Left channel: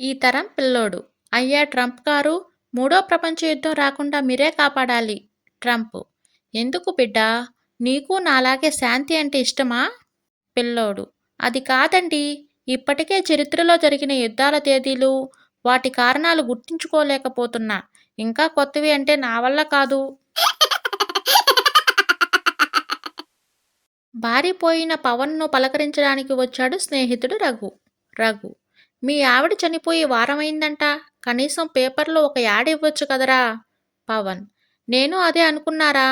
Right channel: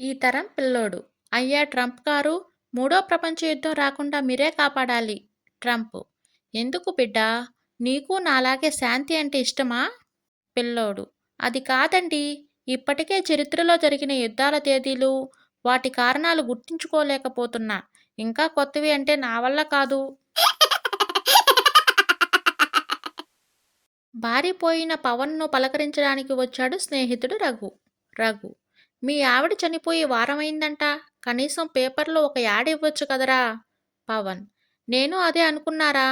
ఈ తరం పిల్లోడు. అయ్యా ట్రంప్ గారు, మూడో ప్రపంచ యుద్ధం రాకుండా మీరే కాపాడాలి. ట్రంప్: ఎందుకు బిడ్డా? నీకు నాలాగే శాంతి అంటే ఇష్టమా? పిల్లోడు: అది కాదండి. ఇప్పటికే చరిత్రలో జరిగిన యుద్ధాల తేదీలు, వాటి కారణాలు గుర్తుంచుకోలేకపోతున్నా. ఇంకా కొత్తవి అంటే నా వల్ల కాదు. బారిపోయిన పవన్ను పలకరించడానికి వచ్చాడు స్నేహితుడు రఘు. రఘు: మీ ఆవిడ చనిపోయి వారమైందంట. కనీసం పేపర్లో ఒక యాడ్ ఇవ్వచ్చు కదరా. పవన్: నేను అదే అనుకున్నారా,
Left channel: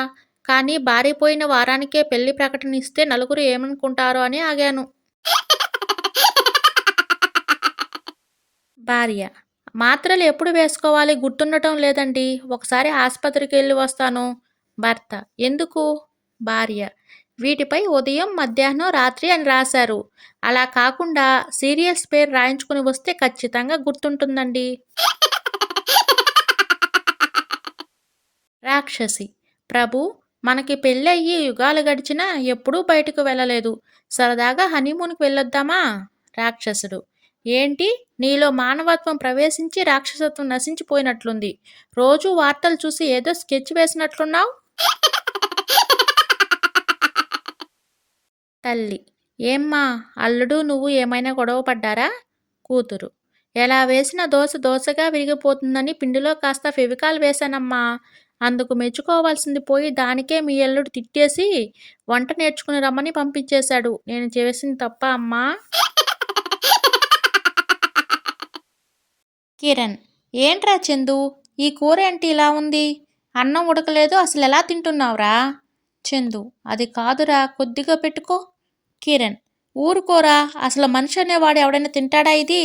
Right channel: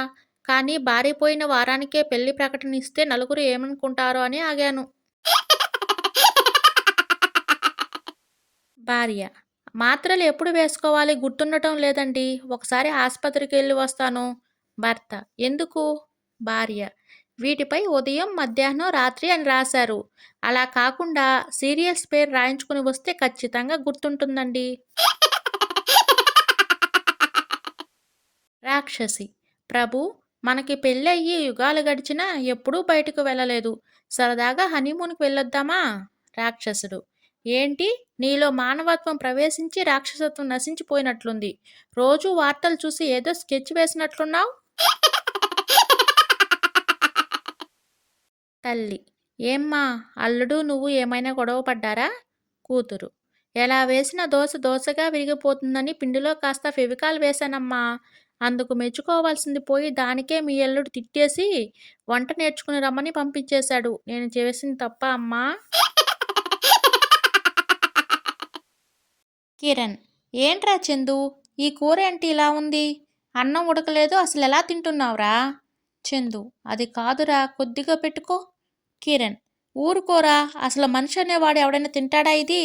కానీ బారిపోయిన వారానికే పెళ్లి ప్రకటన ఇస్తే నలుగురు ఏమనుకుంటారో అని ఆగాను. భార్య: మాత్రలు ఎప్పుడు వేసుకోవాలి గుర్తుండటం లేదండి. ఒకసారి ఆసుపత్రికి వెళ్ళి వస్తాను. భర్త: ఎందుకు? భార్య: వీటిపై ఉదయం, మధ్యాహ్నం, రాత్రి అని రాశారు. అలా కాకుండా సీరియల్స్ పేరు రాయించుకుని వస్తే ఖచ్చితంగా గుర్తుంటుందండి. రాక్షసి: ప్రభు, మనకి పెళ్ళయ్యి యుగాలు గడిచినా ఎప్పుడూ బయటకు వెళ్ళలేదు. సరదాగా హనీమూన్కి వెళ్ళొద్దామా? రాక్షసుడు: ఏంటి, నీలో మానవత్వం ప్రవేశించి రాక్షసత్వం నశించిపోయినట్లుంది. రోజూ వార్తలు చూసి ఏదో స్కెచ్ వేసినట్లున్నావు. తల్లి: ఏమ్మా, అల్లుడు నువ్వు ఏమైనా గొడవ పడ్డారా? కూతురు: ఎలా వేసిన దోశ దోశగా విరిగిపోతుందని పిండిలో కాస్త ఫెవికాల్ వేశానమ్మా. అందుకు మెచ్చుకోవాల్సింది పోయి దానికే మీ అల్లుడు తిట్టేసి వంట నేర్చుకుని రమ్మని పంపించేశాడు. నేను చేసింది తప్ప అమ్మా? కిరణ్: ఏంట్రా చందు, ఈ కూర ఏంటి ఇలా ఉంది? అన్నం ఉడకలేదు, అసలు ఎలా తింటున్నావురా? చందు: అది కాదురా, కొద్దిగా పెట్టుకో. కిరణ్: ఊరుకోరా, అసలు మనిషి అనేవాడు ఎవడైనా తింటాడా ఇది?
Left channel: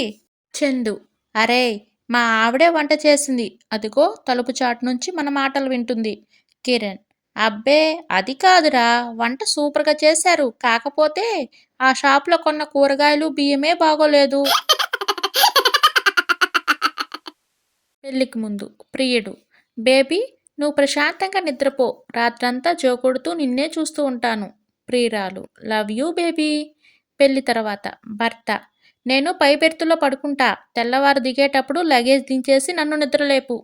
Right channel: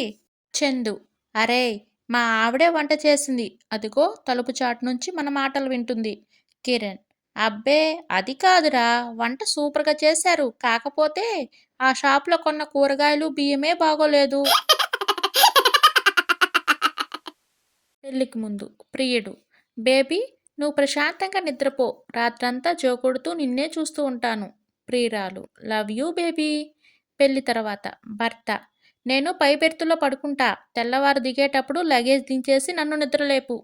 చందు: అరే, మా ఆవిడే వంట చేసింది. అదిగో తలుపు చాటు నుంచి మన మాటలు వింటుంది. కిరణ్: అబ్బే, అది కాదురా, వంట సూపర్గా చేశారు. కాకపోతే ఆ షాప్లో కొన్న కూరగాయలు బియ్యమే బాగోలేదు. పెళ్లికి ముందు ప్రియుడు: బేబీ, నువ్వు ప్రశాంతంగా నిద్రపో. రాత్రంతా జోకొడుతూ నిన్నే చూస్తూ ఉంటాను. ప్రియురాలు: లవ్ యూ బేబీ. పెళ్లి తర్వాత భర్త: నేను పై బెర్తులో పడుకుంటా. తెల్లవారు దిగేటప్పుడు లగేజ్ దించేసి నన్ను నిద్రలేపు.